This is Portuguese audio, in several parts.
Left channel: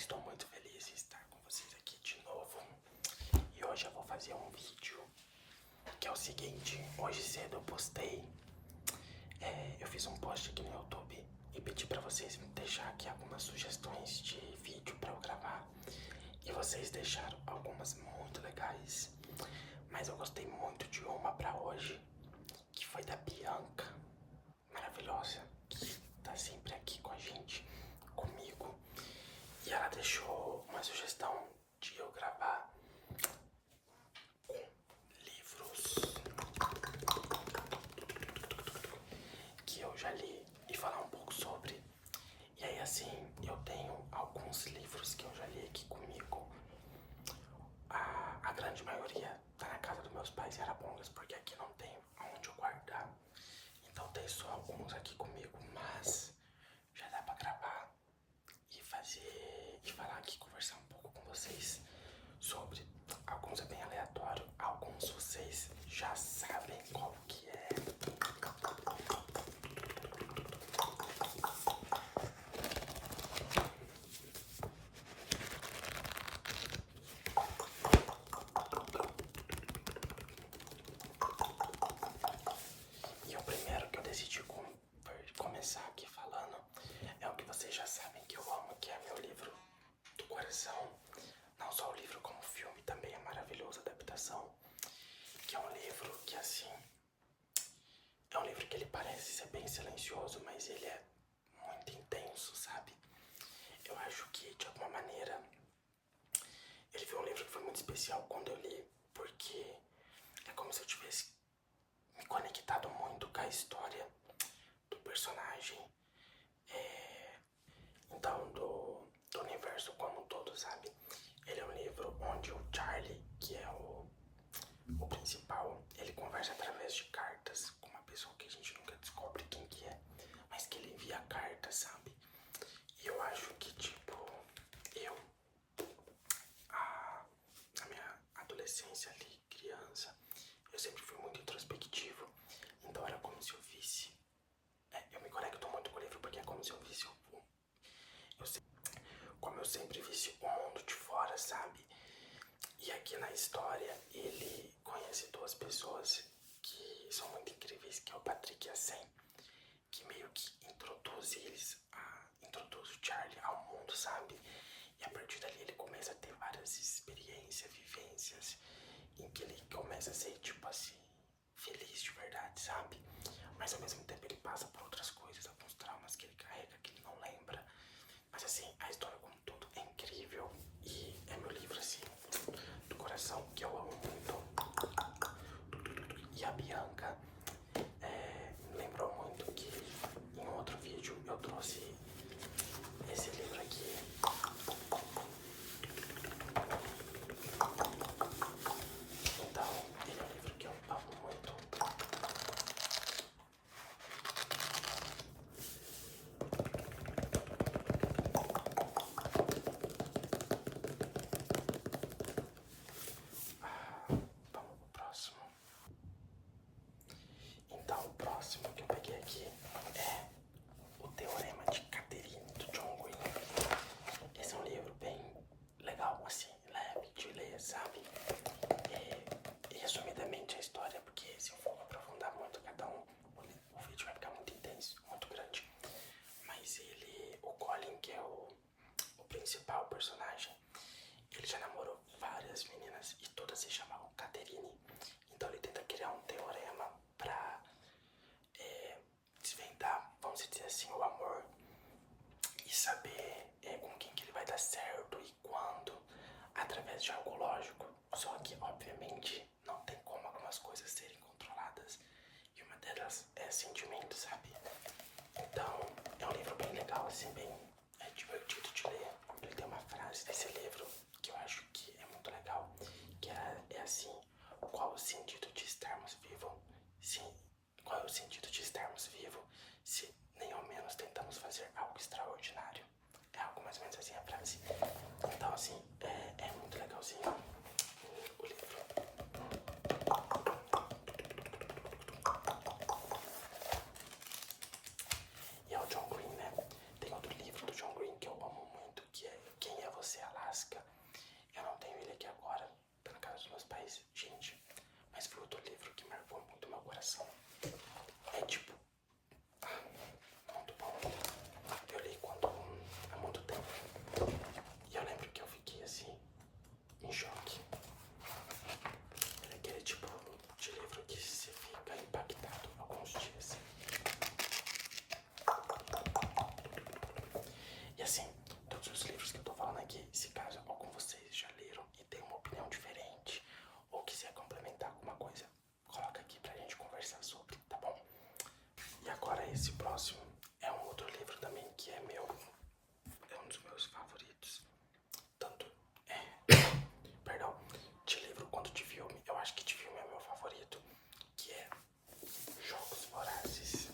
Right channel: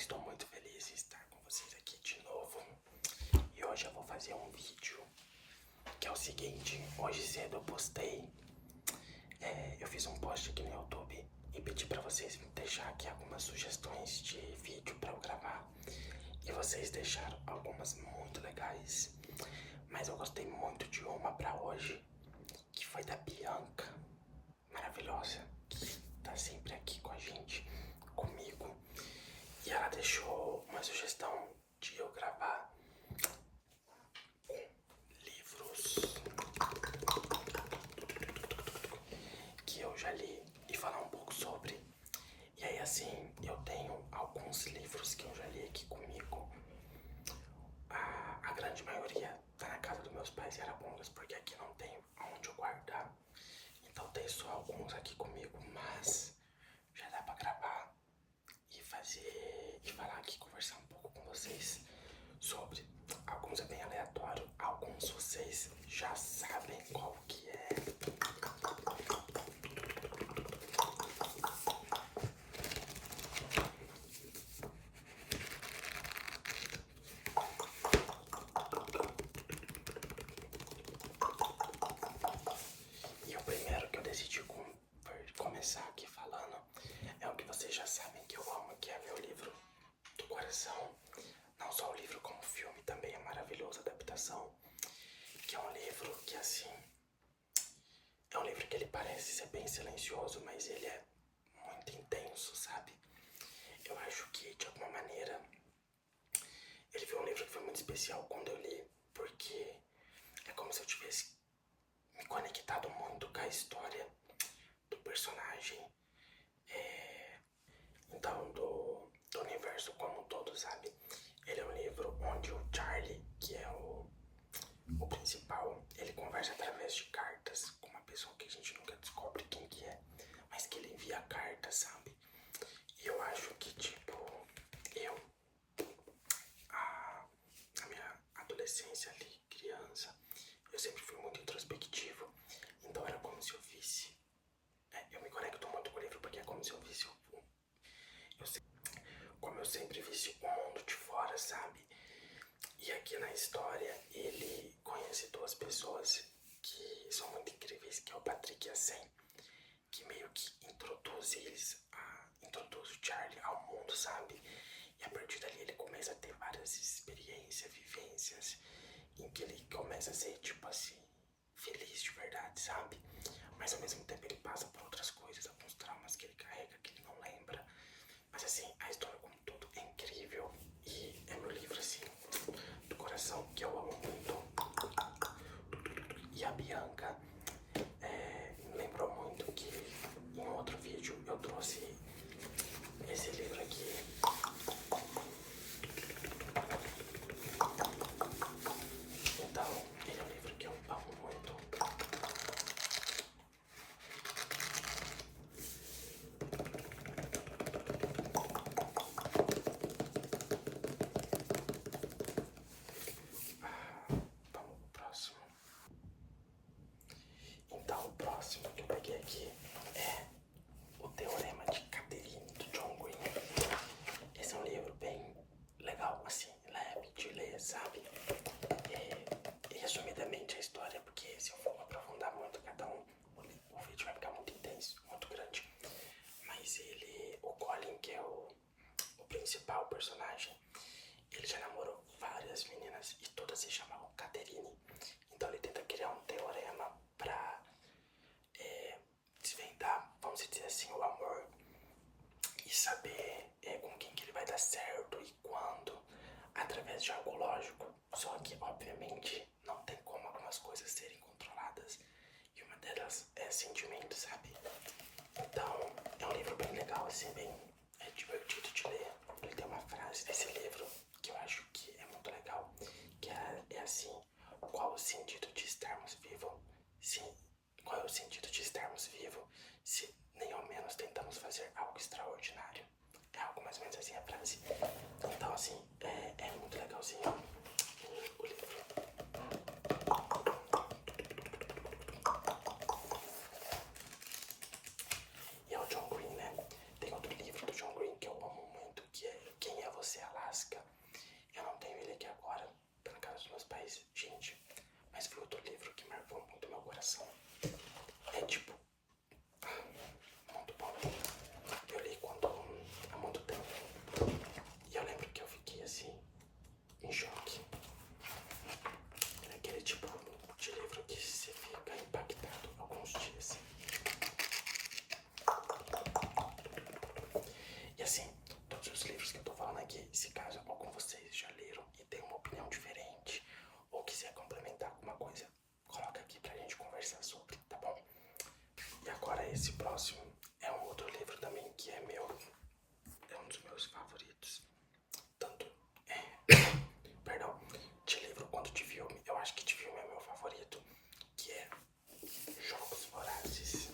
estou muito feliz em estar com vocês aqui de novo. E hoje eu vou fazer um vídeo que é o seguinte. Hoje cedo eu postei, eu fiz um post aqui no YouTube e pedi pra vocês me deixar aqui algumas sugestões de vídeo pra eu gravar. E vocês deixaram algumas muito legais, mas eu gostei muito de uma pra hoje, que foi da Bianca, maravilhosa, que tá sempre aqui com a gente, comigo. E ela deixou uma sugestão de eu gravar com livros que eu já li e falar um pouco sobre. E aí assim, eu tenho alguns livros que eu já li aqui comigo. A grande maioria tá na casa dos meus pais em Arapongas, porque aqui não tem onde eu guardar. Então tem só alguns aqui comigo, mas já dá pra gravar e fazer e falar aqui, conversar um pouco com vocês sobre. Alguns é bem aleatório, alguns vocês já sabem qual que é. E o primeiro que eu decidi começar aqui falando é o que vocês já sabem que eu amo, que é meu livro do coração. Não só o livro, como o filme também é maravilhoso, a adaptação. Que é um livro que, assim, é um livro que ele parece ser bem silencioso, mas ele é muito intenso, sabe? Eu acho que, de alguma maneira, ele foi um livro que foi muito especial quando eu li, porque é como se eu tivesse me conectado muito com a história do personagem, então do universo como um todo, sabe? Ele é um livro onde o Charlie, que é o principal, ele conversa através de cartas com uma pessoa que a gente nunca descobre quem que é, mas que ele envia cartas, sabe? E eu acho que, tipo, na minha adolescência ali, criança, eu sempre fui muito introspectivo, então era como se eu visse, eu me conecto muito com o livro porque é como se eu visse como eu sempre visse o mundo de fora, sabe? E aqui na história ele conhece duas pessoas que são muito incríveis, que é o Patrick e a Sam, que meio que introduz introduz o Charlie ao mundo, sabe? E a partir dali ele começa a ter várias experiências, vivências, em que ele começa a ser, tipo assim, feliz de verdade, sabe? Mas ao mesmo tempo ele passa por outras coisas, alguns traumas que ele carrega, que ele não lembra. Mas assim, a história como um todo é incrível e é meu livro, assim, do coração, que eu amo muito. E a Bianca me lembrou muito que em outro vídeo eu trouxe esse livro aqui. Então, ele é um livro que eu amo muito. Vamos pro próximo. Então, o próximo que eu peguei aqui é O Teorema de Catherine, do John Green. Esse é um livro bem legal, assim, leve de ler, sabe? E resumidamente a história, porque se eu for aprofundar muito cada um, o vídeo vai ficar muito intenso, muito grande. Mas o Colin, que é o principal personagem, ele já namorou várias meninas e todas se chamavam Catherine. Então ele tenta criar um teorema pra desvendar, vamos dizer assim, o amor e saber com quem que ele vai dar certo e quando, através de algo lógico. Só que, obviamente, não tem como algumas coisas serem controladas e uma delas é sentimento, sabe? Então, é um livro bem legal, assim, bem divertido de ler. Ele tem uma frase desse livro que eu acho que é muito legal, que é assim: qual o sentido de estarmos vivos? Sim, qual é o sentido de estarmos vivos se nem ao menos tentamos fazer algo extraordinário? É algo mais ou menos assim a frase. Então, assim, é muito legalzinho o livro. E é o John Green, né? Tem outro livro mais, gente. Mas foi outro livro que marcou muito meu coração. É tipo, muito bom. Eu li há muito tempo. E eu lembro que eu fiquei assim, em choque. É aquele tipo de livro que você fica impactado alguns dias. E assim, todos os livros que eu tô falando aqui, se caso algum de vocês já leram e tem uma opinião diferente, ou quiser complementar alguma coisa, coloca aqui pra gente conversar sobre, tá bom? E agora esse próximo é um outro livro também que é meu, é um dos meus favoritos. Tanto perdão, de livro quanto de filme. Eu acho que de filme é meu favorito, que é Jogos Vorazes.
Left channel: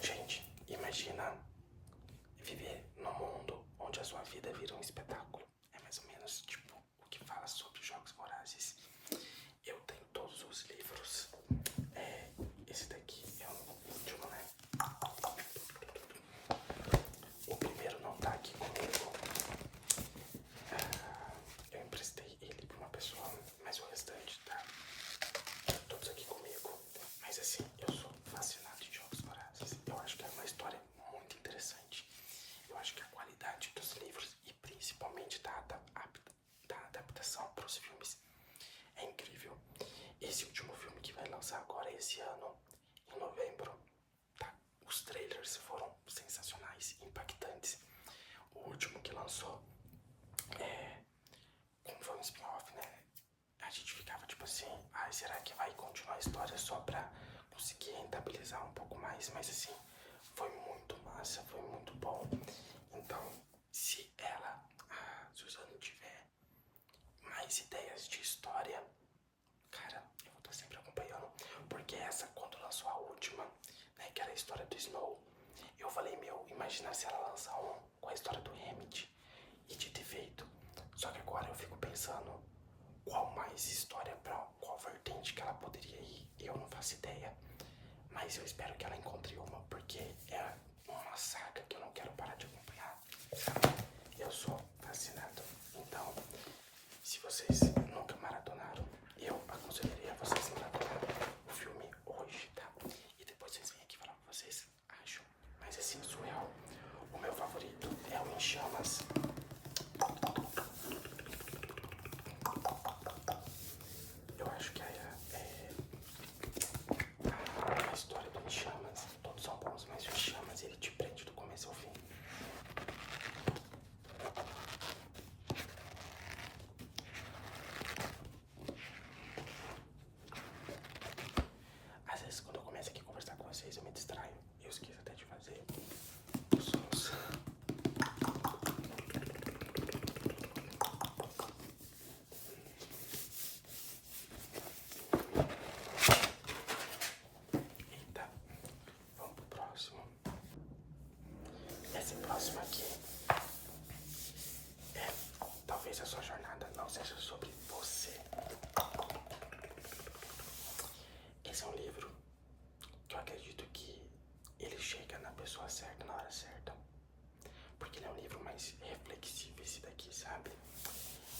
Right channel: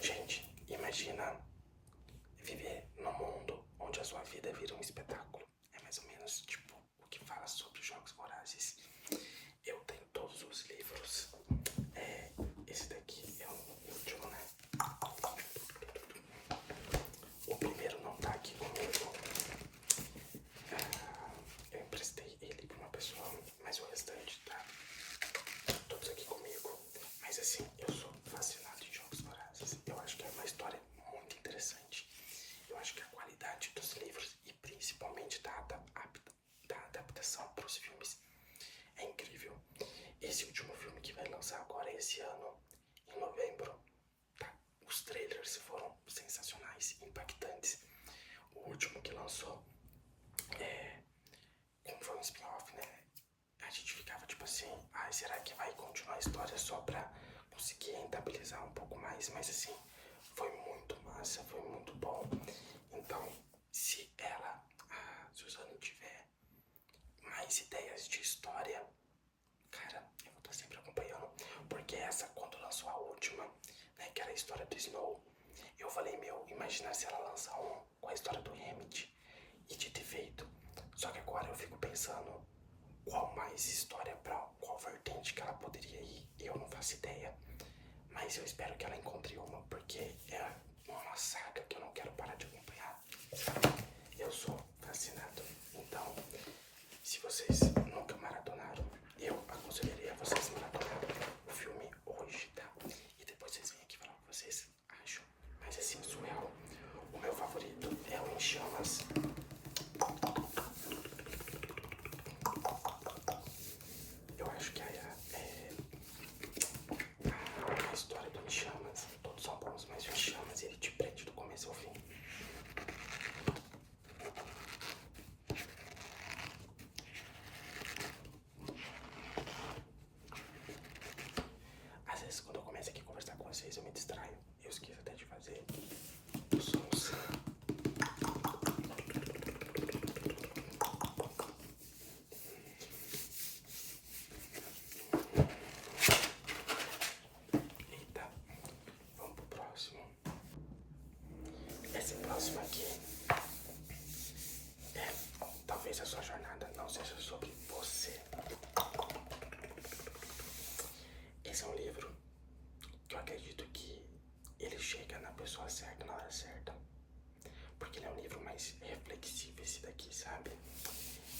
Gente, imagina viver num mundo onde a sua vida vira um espetáculo. É mais ou menos tipo o que fala sobre Jogos Vorazes. Eu tenho todos os livros. Esse daqui é o último, né? O primeiro não tá aqui comigo. Eu emprestei ele pra uma pessoa, mas o restante tá todos aqui comigo. Mas assim, eu sou fascinado em Jogos Vorazes. Eu acho que é uma história muito interessante. Eu acho que a qualidade dos livros e principalmente da adaptação para os filmes é incrível. Esse último filme que vai lançar agora esse ano, em novembro, tá? Os trailers foram sensacionais, impactantes. O último que lançou, como foi um spin-off, né? A gente ficava tipo assim, ai, será que vai continuar a história só pra conseguir rentabilizar um pouco mais? Mas assim, foi muito massa, foi muito bom. Então, se a Suzane, tiver mais ideias de história, cara, eu vou estar sempre acompanhando. Porque essa, quando lançou a última, né, que era a história do Snow, eu falei, meu, imagina se ela lançar um com a história do Hammett. E dito e feito. Só que agora eu fico pensando qual mais história, pra qual vertente que ela poderia ir. Eu não faço ideia. Mas eu espero que ela encontre uma, porque é uma saga que eu não quero parar de acompanhar, sabe? Eu sou fascinado. Então, se vocês nunca maratonaram, eu aconselharia vocês maratonar o filme hoje, tá? E depois vocês vêm aqui falar o que vocês acham. Mas assim, surreal. O meu favorito é o Em Chamas. Eu acho que a história do Em Chamas, todos são bons, mas o Em Chamas ele te prende do começo ao fim. Às vezes quando eu começo aqui a conversar com vocês eu me distraio. Eu esqueço até de fazer os sons. Eita, vamos pro próximo. Esse próximo aqui é, talvez a sua jornada não seja sobre você. Esse é um livro que eu acredito que ele chega na pessoa certa, na hora certa. Porque ele é um livro mais reflexivo, esse daqui, sabe?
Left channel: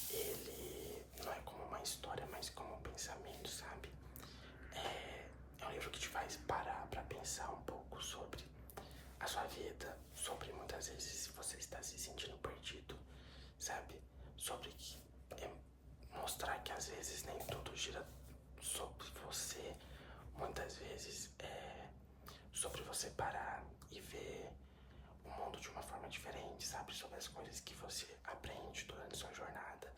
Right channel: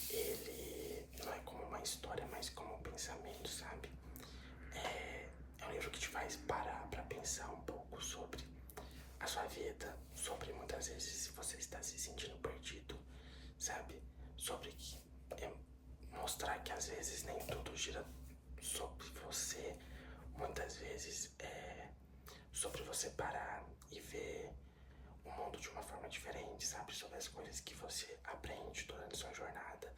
Ele não é como uma história, mas como um pensamento, sabe? É um livro que te faz parar pra pensar um pouco sobre a sua vida, sobre muitas vezes se você está se sentindo perdido, sabe? Sobre mostrar que às vezes nem tudo gira sobre você, muitas vezes é sobre você parar e ver o mundo de uma forma diferente, sabe? Sobre as coisas que você aprende durante sua jornada.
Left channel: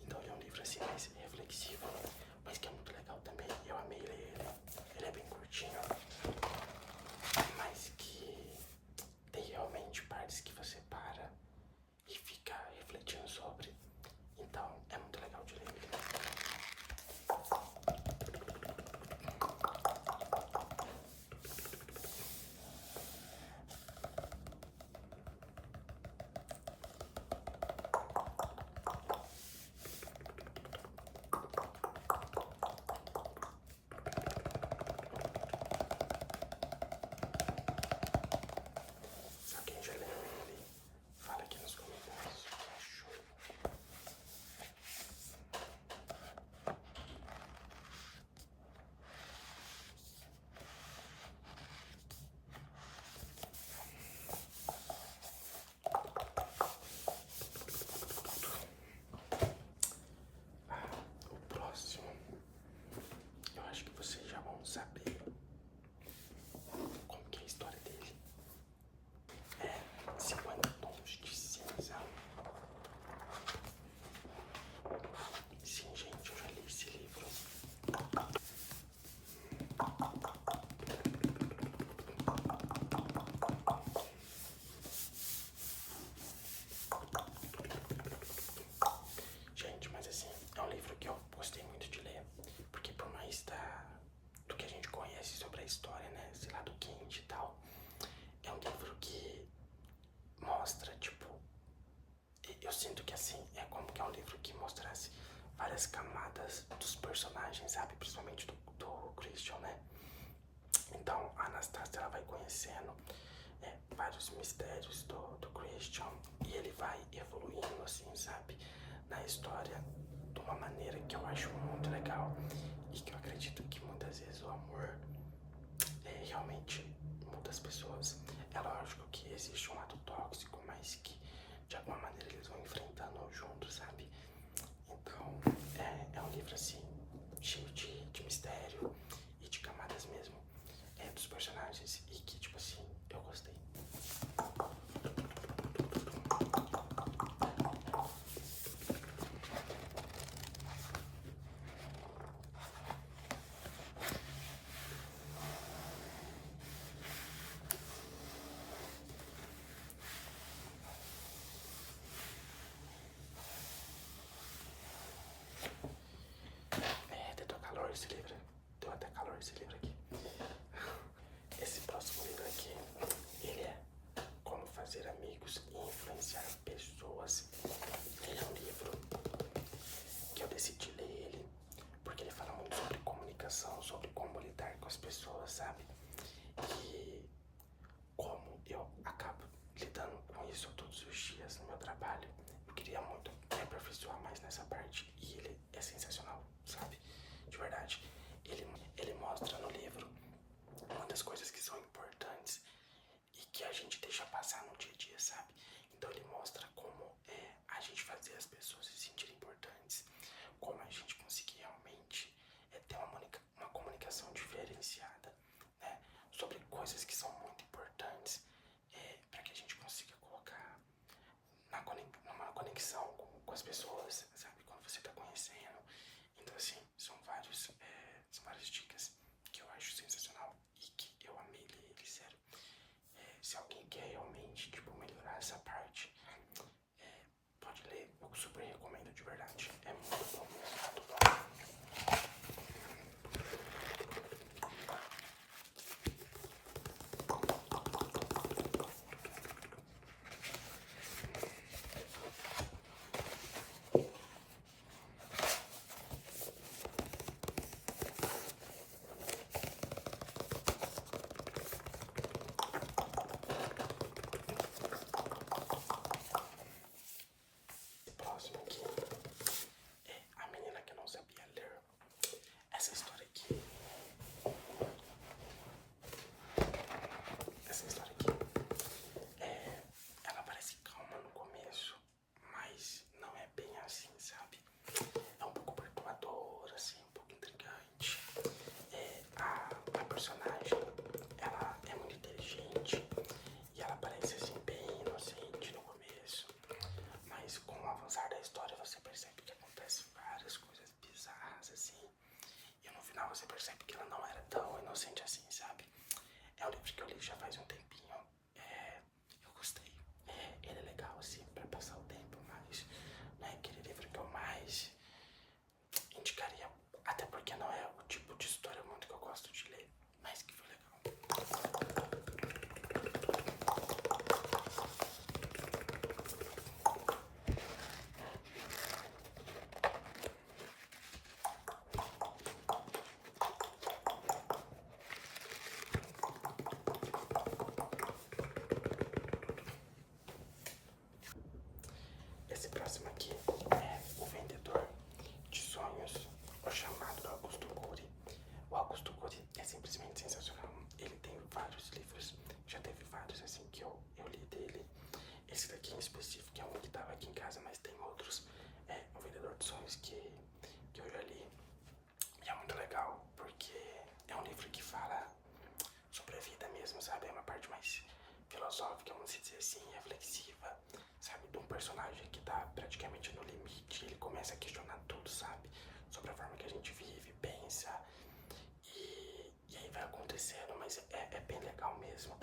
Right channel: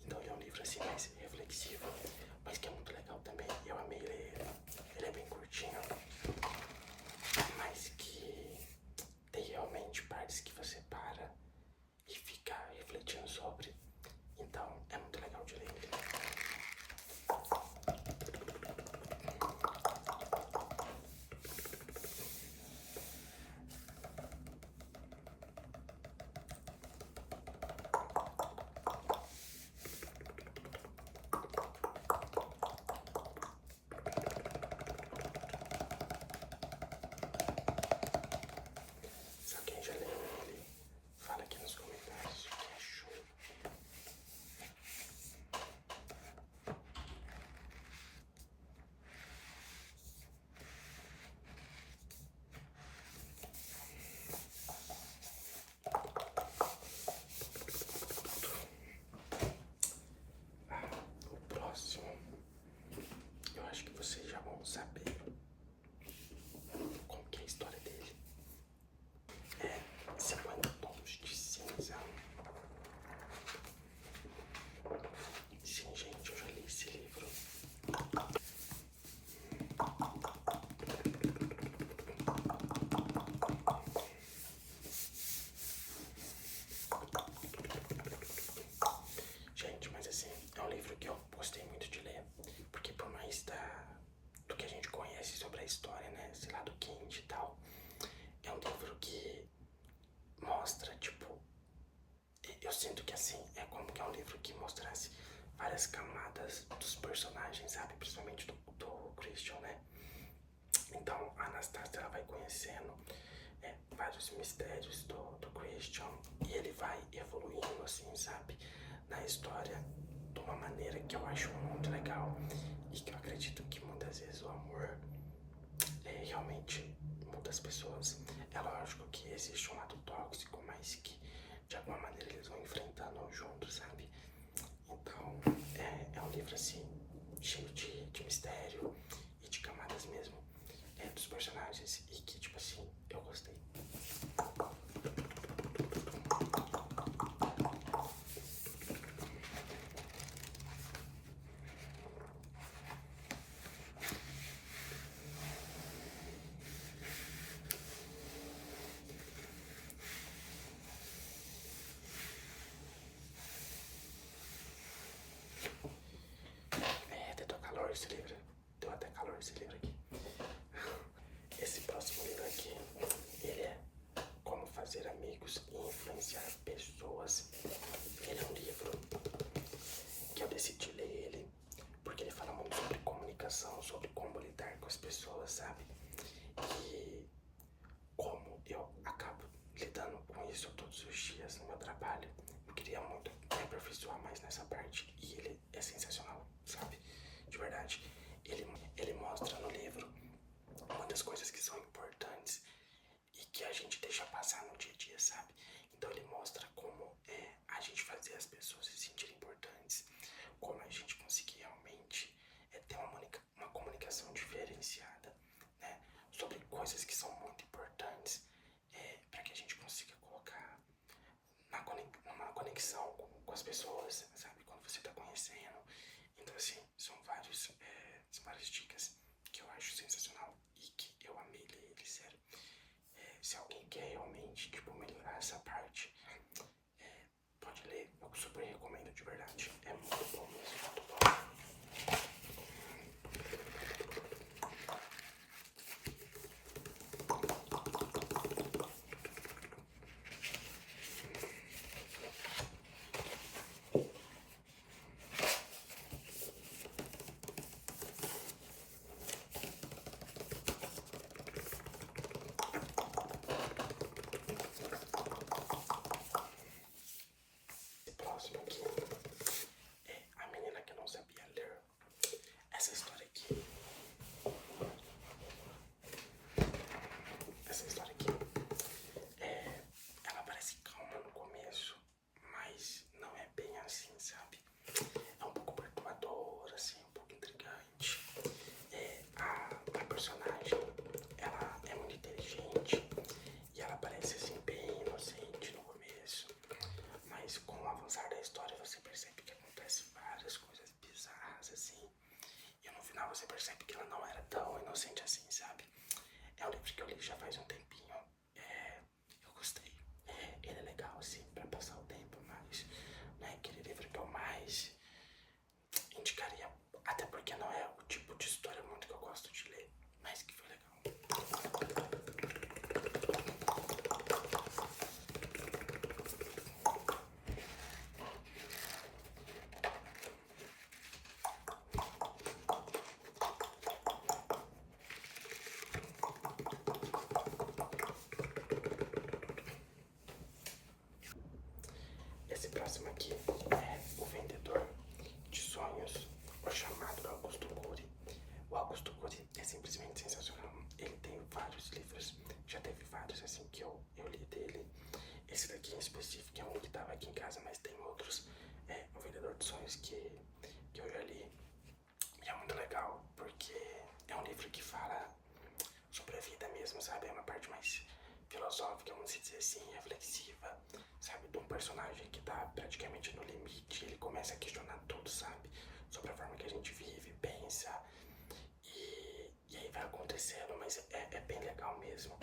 Então ele é um livro assim mais reflexivo, mas que é muito legal também. Eu amei ler ele. Ele é bem curtinho, mas que tem realmente partes que você para e fica refletindo sobre. Então é muito legal de ler ele. não saber como que é a história dele. É 50 tons de cinza. Sim, gente, eu já li esse livro. Gente, mas assim, é um livro que eu gostei muito de ler, porque por mais do que a gente conhece sobre a história, né, sei lá, do Kind e tal, é um livro que mostra, tipo, eu sinto que assim, é como que é um livro que mostrasse várias camadas dos personagens, sabe, principalmente do Christian, né. Então a Anastasia, ela vai conhecendo vários mistérios do Christian, e ele vai evoluindo, assim, sabe, na história de uma maneira que eu acho muito legal e que eu acredito que muitas vezes o amor realmente muda as pessoas. É lógico que existe um lado tóxico, mas que de alguma maneira eles vão enfrentando juntos, sabe? Então é um livro assim, cheio de mistério e de camadas mesmo dos personagens, e que, tipo assim, eu gostei. Deu calor esse livro. Deu até calor esse livro aqui. Esse próximo livro aqui, ele é Como Fazer Amigos e Influenciar Pessoas. Ele é um livro que eu decidi ler ele porque ele fala muito sobre comunicação, sobre como lidar com as pessoas, sabe? E como eu acabo lidando com isso todos os dias no meu trabalho. Eu queria muito me aperfeiçoar mais nessa parte, e ele é sensacional, sabe? De verdade. Ele mostra no livro muitas coisas que são importantes e que a gente deixa passar no dia a dia, sabe? Então ele mostra como a gente fazer as pessoas se sentirem importantes, como a gente conseguir realmente ter uma comunicação diferenciada, né? Sobre coisas que são muito importantes para que a gente consiga colocar numa conexão com as pessoas, sabe? Quando você tá conhecendo. Então, assim, são várias dicas que eu acho sensacional e que eu amei ler ele, sério. Se alguém quer realmente, tipo, melhorar essa parte, pode ler. Eu super recomendo, de verdade. É muito bom mesmo, muito bom. Esse próximo aqui é A Menina que Não Sabia Ler. Essa história aqui. Ela parece calma no começo, mas não é bem assim, sabe? É um pouco perturbadora, assim, um pouco intrigante. A personagem, ela é muito inteligente e ela parece, assim, bem inocente no começo, mas com o avançar da história você percebe que acontece várias coisas bizarras, assim, e no final você percebe que ela não era tão inocente assim, sabe? É um livro que eu li já faz um tempinho. Eu gostei. Ele é legal, assim, pra passar o tempo, mas não é aquele livro que eu mais indicaria. Até porque não é o tipo de história muito que eu gosto de ler, mas que foi legal. Esse próximo aqui é O Vendedor de Sonhos, O Chamado do Augusto Cury. O Augusto Cury é simplesmente sensacional. Ele tem vários livros, já teve vários assim que eu li dele. Esse daqui em específico é um que tava aqui em casa, mas tem outros. É O Vendedor de Sonhos que eu já li. E é muito legal, porque é um livro mesmo, sabe? É uma parte mais filosófica, vamos dizer assim, reflexiva, sabe? De um personagem que tá praticamente no limite, ele começa a questionar tudo, sabe? Sobre a forma que a gente vive, pensa, e aí vai acontecendo, mas é bem legal mesmo.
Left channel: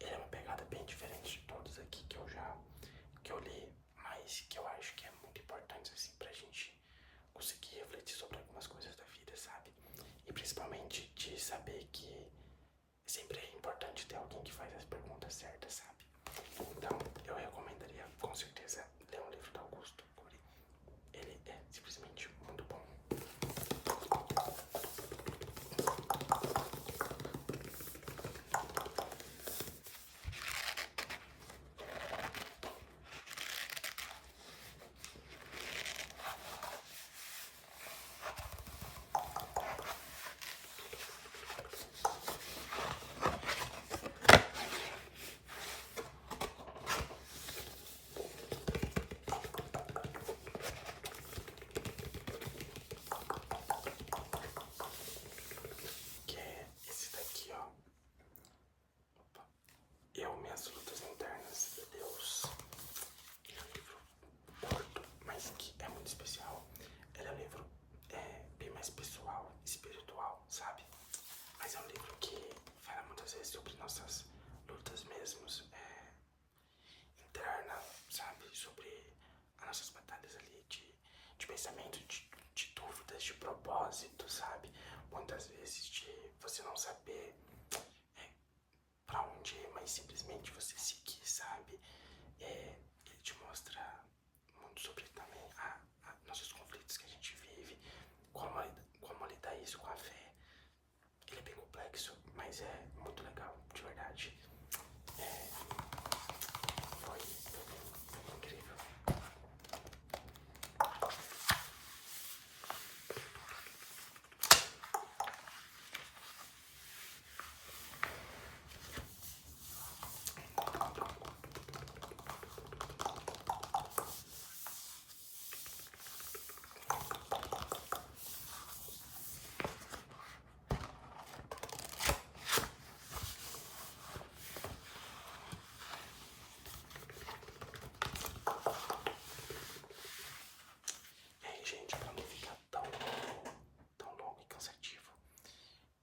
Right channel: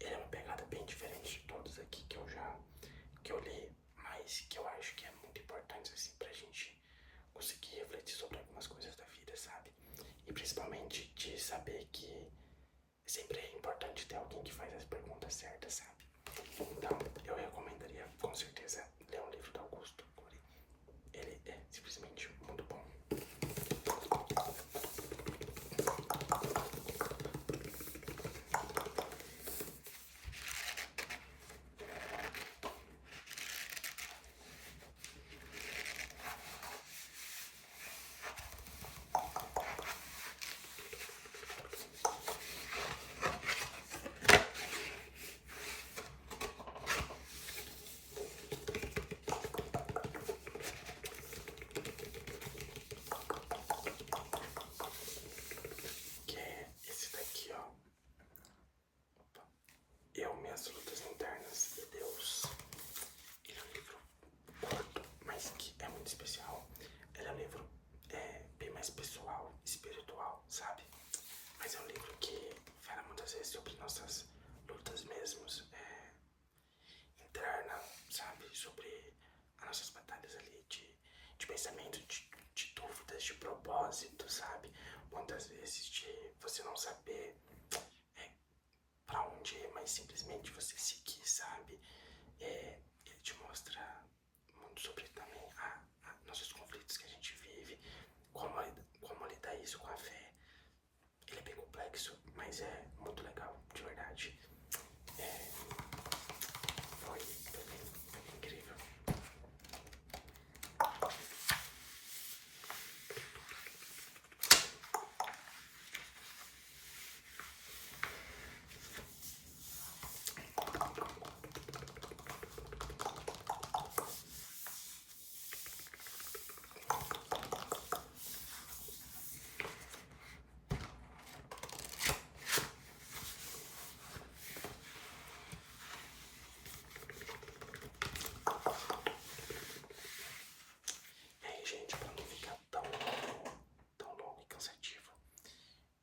Ele é uma pegada bem diferente de todos aqui que eu li, mas que eu acho que é muito importante, assim, pra gente conseguir refletir sobre algumas coisas da vida, sabe? E principalmente de saber que sempre é importante ter alguém que faz as perguntas certas, sabe? Então, eu recomendaria com certeza ler um livro do Augusto Cury. Ele é simplesmente muito bom. Que é esse daqui, ó. Opa. Eu, Minhas Lutas Internas e Deus. Ele é um livro curto, mas que é muito especial. Ele é um livro bem mais pessoal, espiritual, sabe? Mas é um livro que fala muitas vezes sobre nossas lutas mesmos, interna, sabe? Sobre as nossas batalhas ali de pensamento, de dúvidas, de propósito, sabe? Muitas vezes de você não saber pra onde ir, mas simplesmente você seguir, sabe? Ele te mostra muito sobre também nossos conflitos que a gente vive, como lidar isso com a fé. Ele é bem complexo, mas é muito legal, de verdade. Foi bem incrível. E aí, gente, pra não ficar tão longo e cansativo,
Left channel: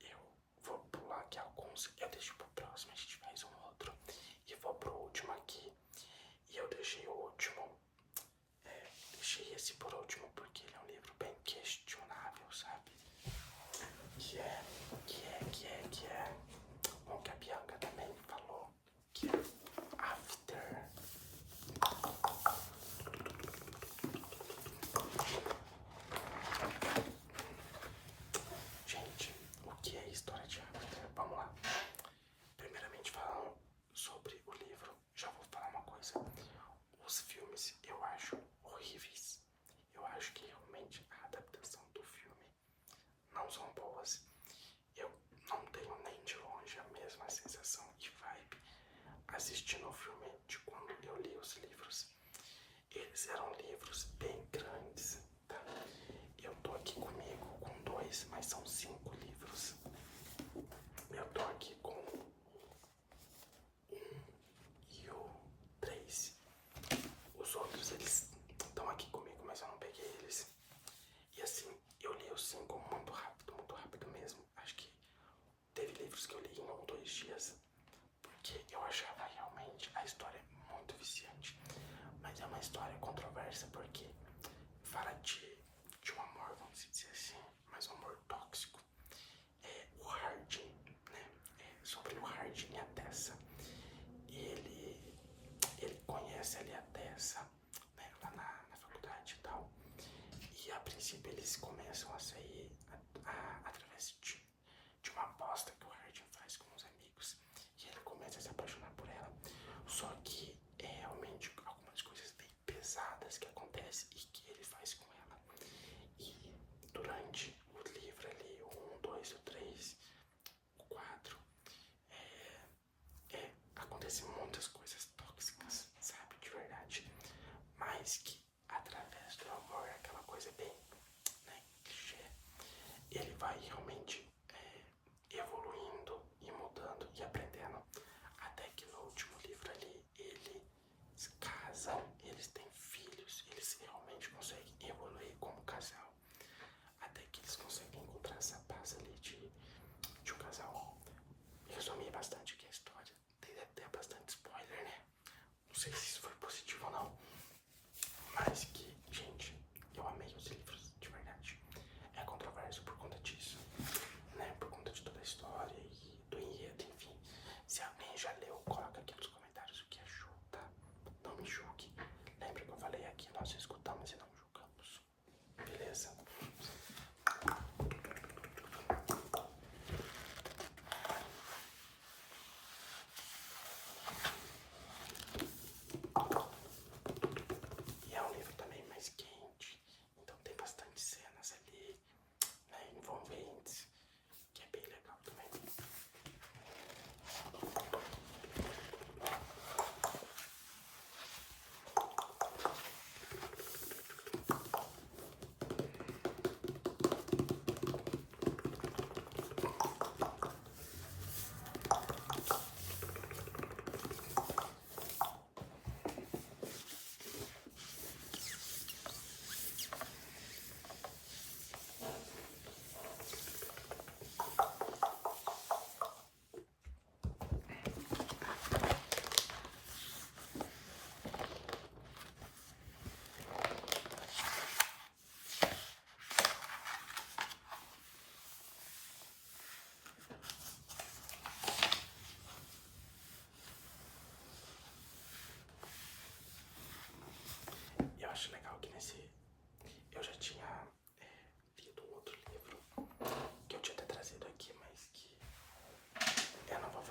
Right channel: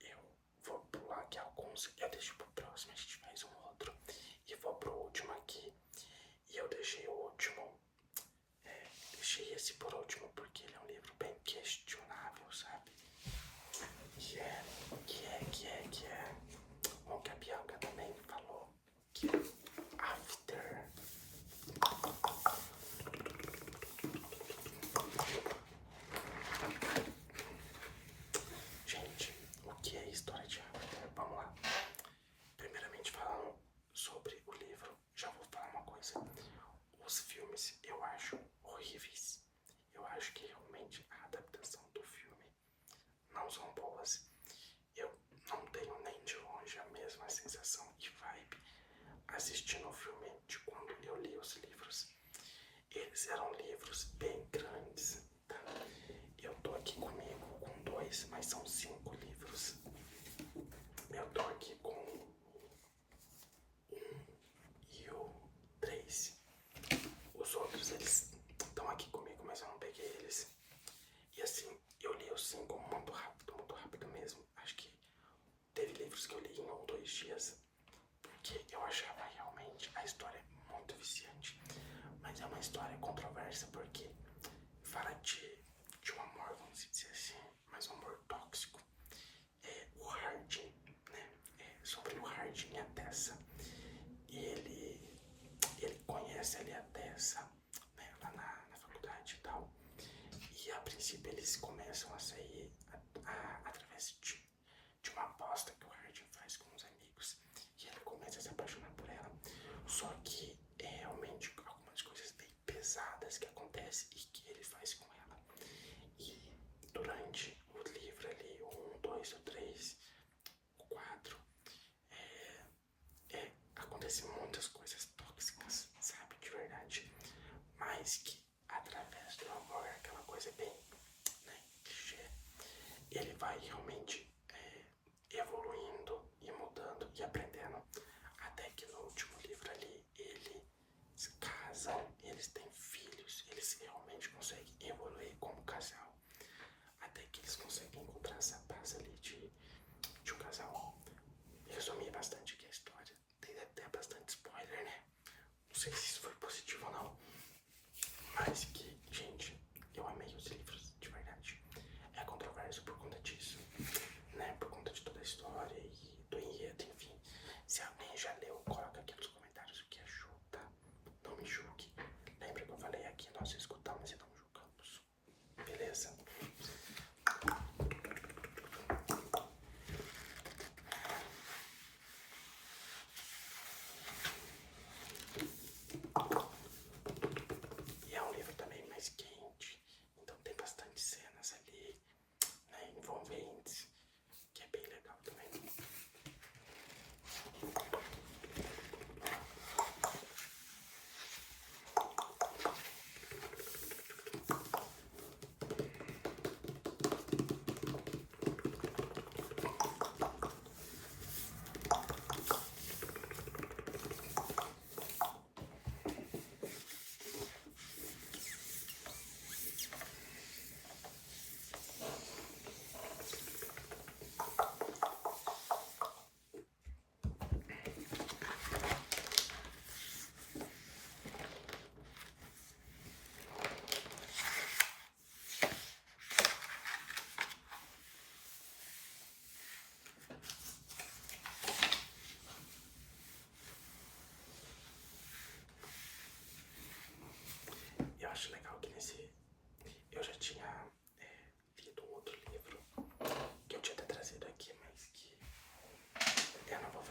eu vou pular aqui alguns, eu deixo pro próximo, a gente faz um outro. E vou pro último aqui. E eu deixei o último, deixei esse por último porque ele é um livro bem questionável, sabe? Que é o que a Bianca também falou, que é After. Gente, o que é história de After? Vamos lá. Primeiramente falando sobre o livro, já vou falar uma coisa. Os filmes eu acho horríveis. Eu acho que realmente a adaptação do filme não são boas. Eu não tenho nem de longe a mesma sensação e vibe assistindo o filme de quando eu li os livros. Eles eram livros bem grandes, tá? Eu tô aqui comigo com dois, mas são 5 livros. Eu tô aqui com e o 3. Os outros, eles estão aqui comigo, mas eu não peguei eles. E assim, eu li os 5 muito rápido mesmo. Acho que teve livros que eu li em 1 ou 2 dias. Porque eu achava realmente a história muito viciante. Mas é uma história controversa porque fala de um amor, vamos dizer assim, mas um amor tóxico. O Hardin, né? Sobre o Hardin e a Tessa. E ele conhece ali a Tessa, né, lá na faculdade e tal. E a princípio eles começam a sair através de uma aposta que o Hardin faz com os amigos. E ele começa a se apaixonar por ela. Só que é realmente algumas coisas bem pesadas que acontecem e que ele faz com ela. E durante o livro ali, o 1, 2, o 3, o 4, acontecem muitas coisas tóxicas, sabe, de verdade. Mas que através do amor, aquela coisa bem, né, clichê, ele vai realmente evoluindo e mudando e aprendendo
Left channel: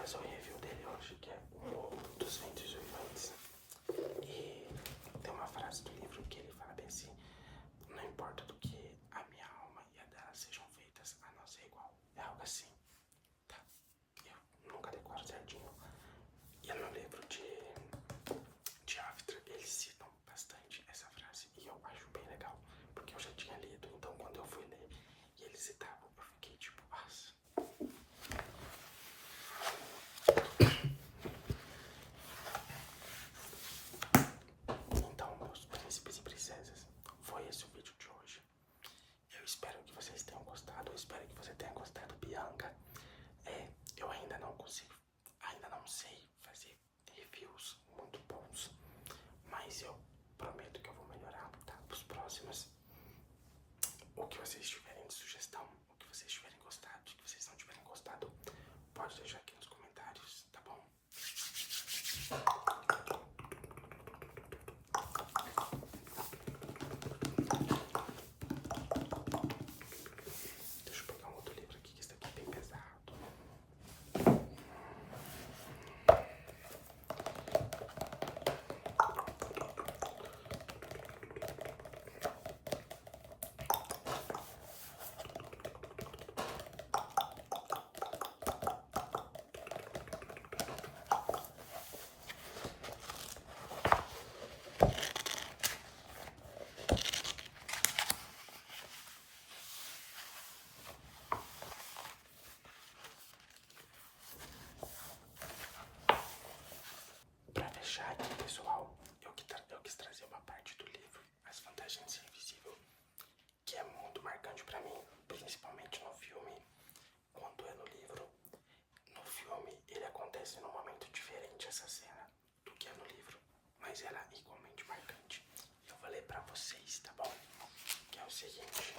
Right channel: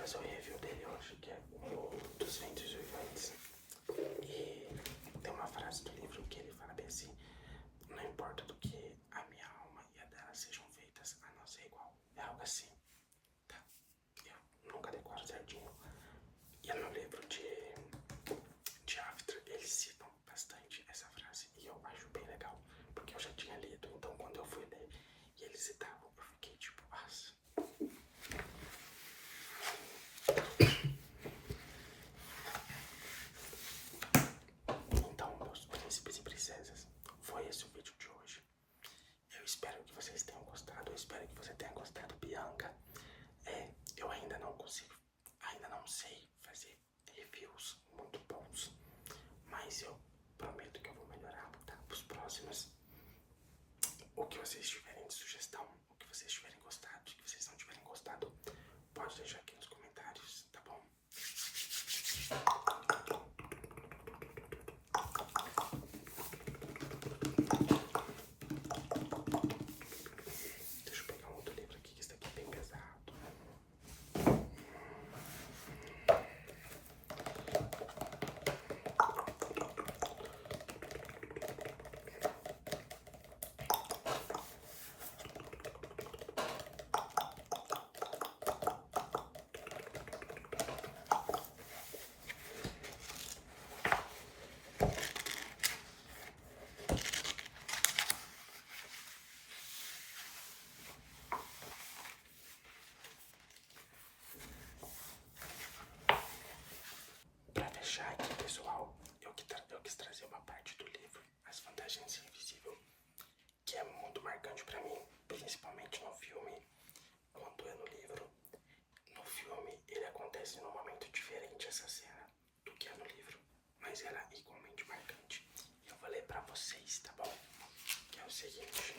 fazer o review dele hoje, que é o dos Ventos Uivantes. E tem uma frase do livro que ele fala bem assim: não importa do que a minha alma e a dela sejam feitas, a nossa é igual. É algo assim, tá? Eu nunca decoro certinho. E no livro de After eles citam bastante essa frase e eu acho bem legal, porque eu já tinha lido, então quando eu fui ler e eles citavam, eu fiquei tipo, nossa. Então, meus príncipes e princesas, foi esse o vídeo de hoje. Eu espero que vocês tenham gostado, eu espero que você tenha gostado, Bianca. Eu ainda não consigo, ainda não sei fazer reviews muito bons, mas eu prometo que eu vou melhorar, tá? Os próximos. O que vocês tiverem de sugestão, o que vocês tiverem gostado, o que vocês não tiverem gostado, pode deixar aqui nos comentários, tá bom? Deixa eu pegar um outro livro aqui, que esse daqui é bem pesado. Pra fechar aqui, pessoal, eu quis trazer uma parte do livro, As Vantagens de Ser Invisível, que é muito marcante pra mim, principalmente no filme, quanto é no livro. No filme, ele acontece num momento diferente, essa cena, do que é no livro, mas ela é igualmente marcante. E eu vou ler pra vocês, tá bom? Que é o seguinte.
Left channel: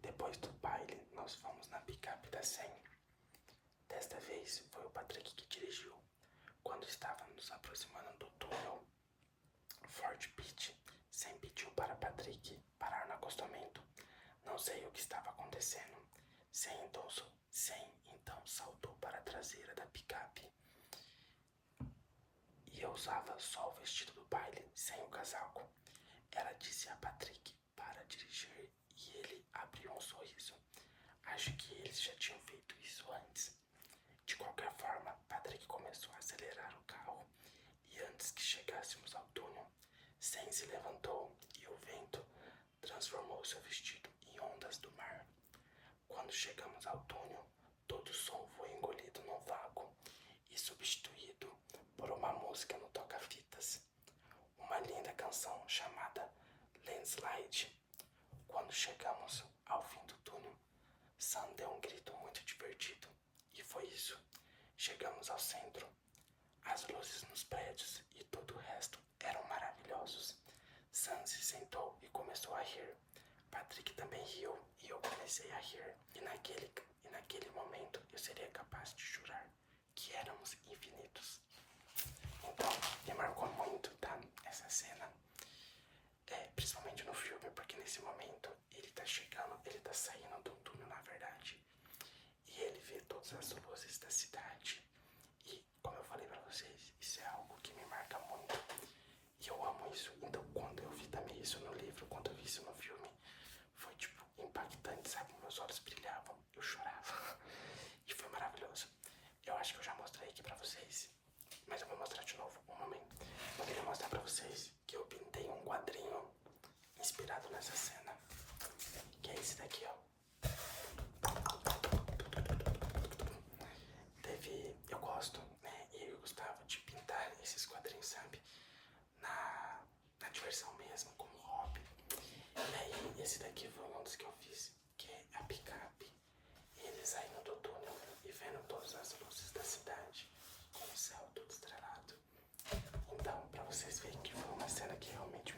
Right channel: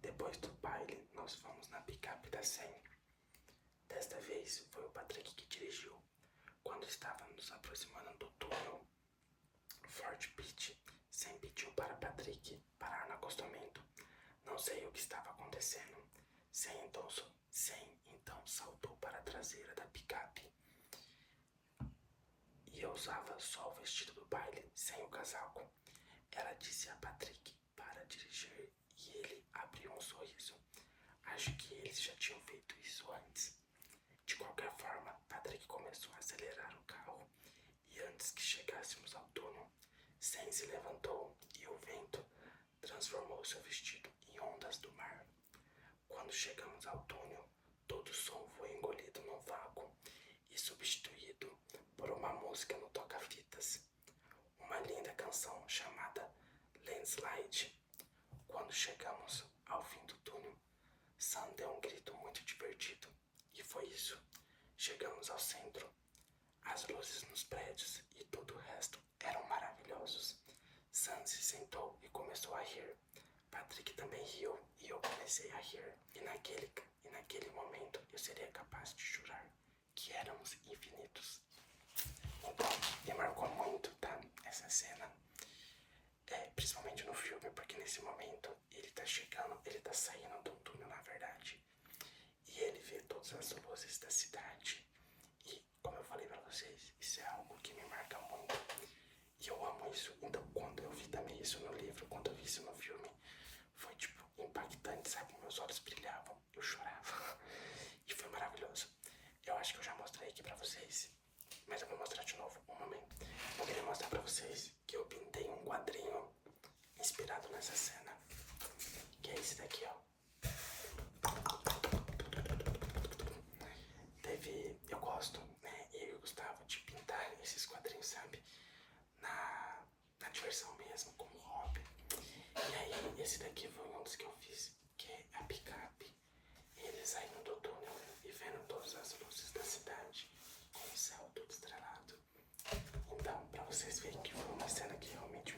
Depois do baile, nós fomos na picape da 100. Desta vez, foi o Patrick que dirigiu. Quando estávamos nos aproximando do túnel Fort Pitt, 100 pediu para Patrick parar no acostamento. Não sei o que estava acontecendo. 100 então saltou para a traseira da picape. E eu usava só o vestido do baile, sem o casaco. Ela disse a Patrick para dirigir e ele abriu um sorriso. Acho que eles já tinham feito isso antes. De qualquer forma, Patrick começou a acelerar o carro e antes que chegássemos ao túnel, Sam se levantou e o vento transformou seu vestido em ondas do mar. Quando chegamos ao túnel, todo o som foi engolido no vácuo e substituído por uma música no toca-fitas. Uma linda canção chamada Landslide. Quando chegamos ao fim do túnel, Sam deu um grito muito divertido. E foi isso. Chegamos ao centro. As luzes nos prédios e todo o resto eram maravilhosos. Sam se sentou e começou a rir. Patrick também riu e eu comecei a rir. E naquele momento eu seria capaz de jurar que éramos infinitos. Então, me marcou muito, tá? Essa cena. Principalmente no filme, porque nesse momento ele tá chegando, ele tá saindo do túnel, na verdade. E ele vê todas as luzes da cidade. E, como eu falei pra vocês, isso é algo que me marca muito. E eu amo isso. Então, quando eu vi também isso no livro, quando eu vi isso no filme, foi, tipo, impactante, sabe? Meus olhos brilhavam, eu chorava. E foi maravilhoso. Eu acho que eu já mostrei aqui pra vocês, mas eu vou mostrar de novo, um momento. Eu queria mostrar pra vocês que eu pintei um quadrinho inspirado nessa cena, que é esse daqui, ó. Eu gosto, né, e eu gostava de pintar esses quadrinhos, sabe, na diversão mesmo, como hobby. E aí, esse daqui foi um dos que eu fiz, que é a picape, e eles saindo do túnel e vendo todas as luzes da cidade, com o céu todo estrelado. Então, pra vocês verem que foi uma cena que realmente